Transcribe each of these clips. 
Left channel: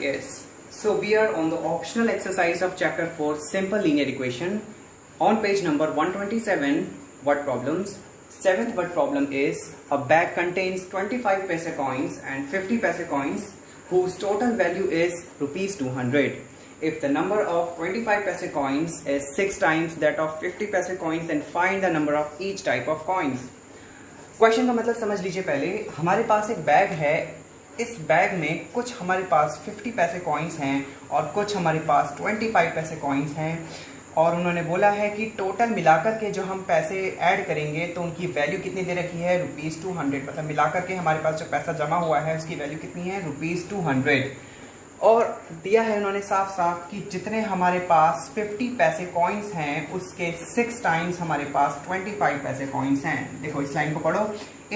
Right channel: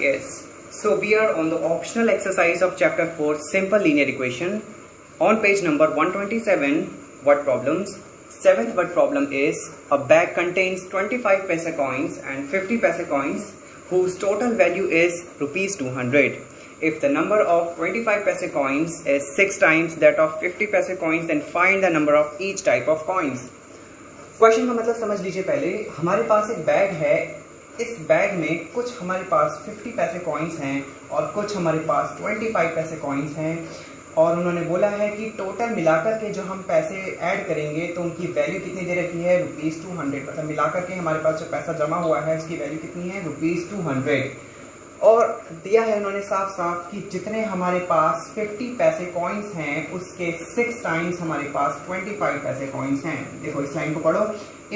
Yes. So we are on the optional exercise of chapter 4 simple linear equation on page number 127 word problems. Seventh word problem is a bag contains 25 paise coins and 50 paise coins whose total value is rupees 200. If the number of 25 paise coins is 6 times that of 50 paise coins, then find the number of each type of coins. Question का मतलब समझ लीजिए। पहले हमारे पास एक bag है, इस bag में कुछ हमारे पास 50 पैसे कॉइन्स हैं और कुछ हमारे पास 25 पैसे कॉइन्स हैं, और उन्होंने बोला है कि टोटल मिलाकर के जो हम पैसे ऐड करेंगे तो उनकी वैल्यू कितनी दे रखी है, रुपीज़ 200। मतलब मिलाकर के हमारे पास जो पैसा जमा हुआ है उसकी वैल्यू कितनी है, रुपीज़ 200। और दिया है उन्होंने साफ साफ कि जितने हमारे पास 50 पैसे कॉइन्स हैं उसके 6 टाइम्स हमारे पास 25 पैसे कॉइन्स हैं। देखो इस लाइन को पढ़ो।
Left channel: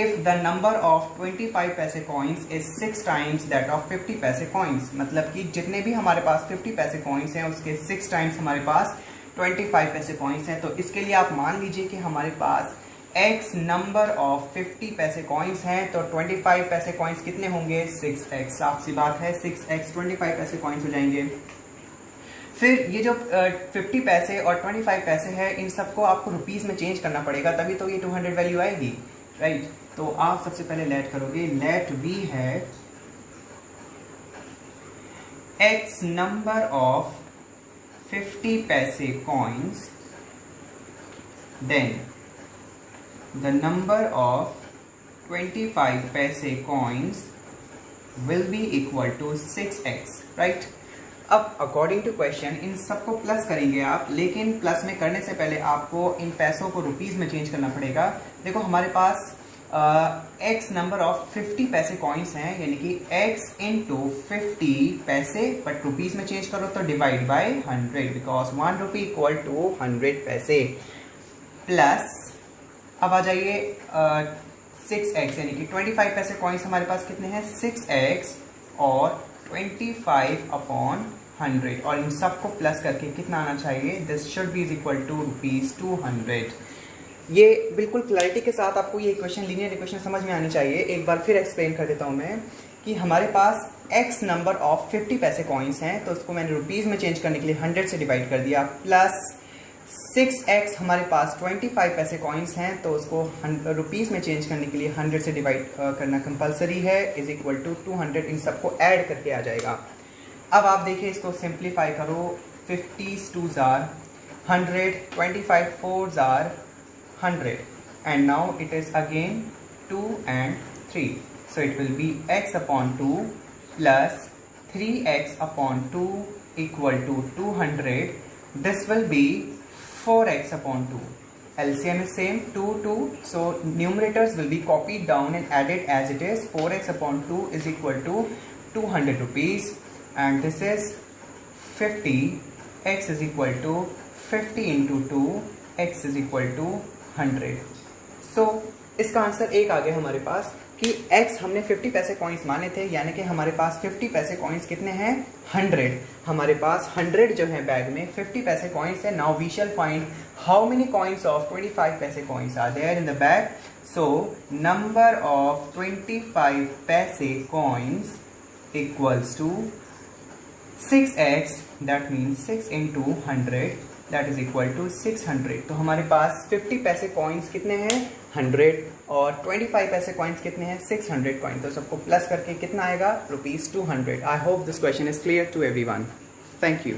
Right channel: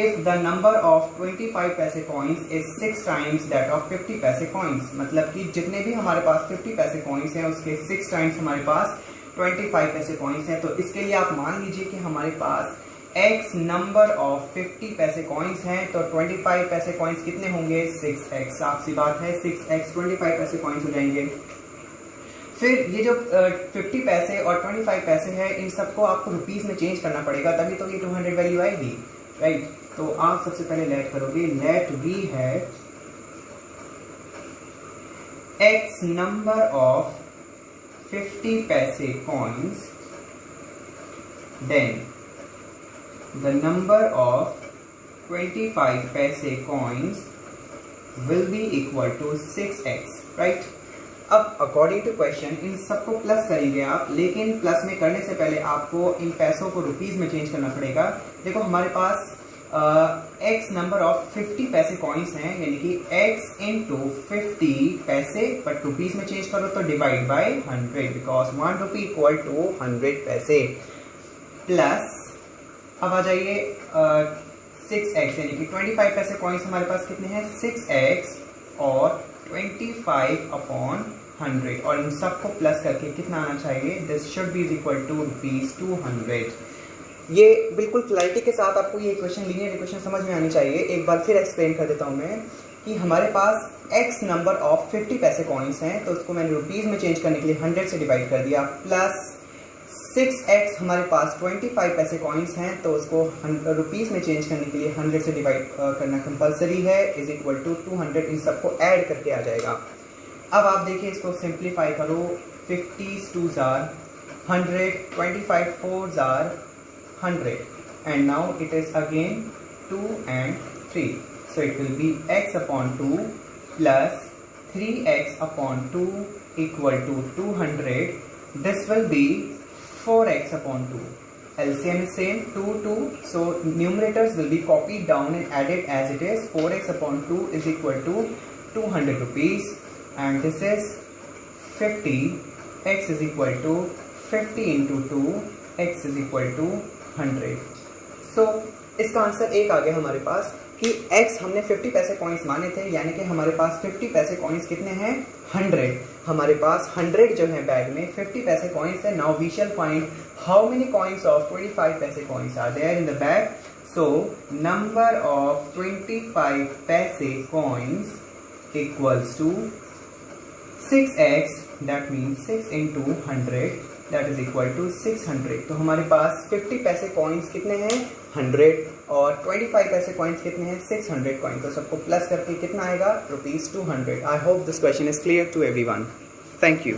If the number of 25 paise coins is 6 times that of 50 paise coins, मतलब कि जितने भी हमारे पास 50 पैसे कॉइन्स हैं उसके 6 टाइम्स हमारे पास 25 पैसे कॉइन्स हैं। तो इसके लिए आप मान लीजिए कि हमारे पास x number of 50 paise coins हैं, तो 25 पैसे कॉइन्स कितने होंगे, 6x। साफ सी बात है, 6x 25 पैसे कॉइन्स हो जाएंगे। फिर ये जो 50 पैसे और 25 पैसे हैं इन सबको आपको रुपीज़ में चेंज करना पड़ेगा, तभी तो ये 200 वैल्यू आएगी, राइट। तो आप सबसे पहले लेट करोगे, लेट वी है x number of 50 paise coins, then the number of 25 paise coins will be equal to 6x, right। अब अकॉर्डिंग टू क्वेश्चन इन सबको प्लस करेंगे आप, लेकिन प्लस में करने से पहले आपको इन पैसों को रुपीज़ में चेंज करना पड़ेगा। देखो हमारे पास x number of 50 paise coins हैं, यानी कि x इंटू 50 पैसे, बट रुपीज़ में चेंज करो तो divide by 100, because 1 rupee equal to 100 paise. Plus अब आ जाइए 6x, यानी कि 25 पैसे कॉइन्स हमारे पास कितने हैं, 6x और 25/100, और इन सबको प्लस करके कितना आना चाहिए, this should be is equal to rupees 200। ये बिल्कुल क्लैरिटी के साथ आपको ये इक्वेशन, लीनियर इक्वेशन समझ में आनी चाहिए। एक बार फिर एक्सप्लेन कर देता हूँ मैं कि हमारे पास x number of 50 paise coins हैं, तो उसको मैंने रुपीज़ में चेंज करने के लिए 100 से डिवाइड कर दिया, प्लस 6x हमारे पास 25 पैसे कॉइन्स हैं, तो उसको रुपीज़ में चेंज करने के लिए 100 से डिवाइड करना कंपलसरी है, इज इक्वल टू 200। इन सबको ऐड करके आ जाएगा। अब आप देखिए इसको सिंप्लीफाई करो, 50s 2s are 100, 25 4s are 100, and now it is again 2 and 3, so it will be x upon 2 plus 3x upon 2 equal to 200. This will be 4x upon 2. LCM is same, 2 2, so numerators will be copied down and added as it is. 4x upon 2 is equal to 200 rupees, and this is 50. X is equal to 50 into 2, x is equal to 100. So इसका answer एक आ गया हमारे पास कि x हमने 50 paise coins माने थे, यानी कि हमारे पास 50 पैसे कॉइन्स कितने हैं, 100। हमारे पास 100 जो है बैग में 50 पैसे कॉइन्स है। Now we shall find how many coins of 25 paise coins are there in the bag. So number of 25 paise coins equals to 6x, that means 6 into 100, that is equal to 600। तो हमारे पास 50 paise coins कितने हैं, 100, और 25 paise coins कितने हैं, 600 coin. तो सबको plus करके कितना आएगा, rupees 200। I hope this question is clear to everyone. Thank you.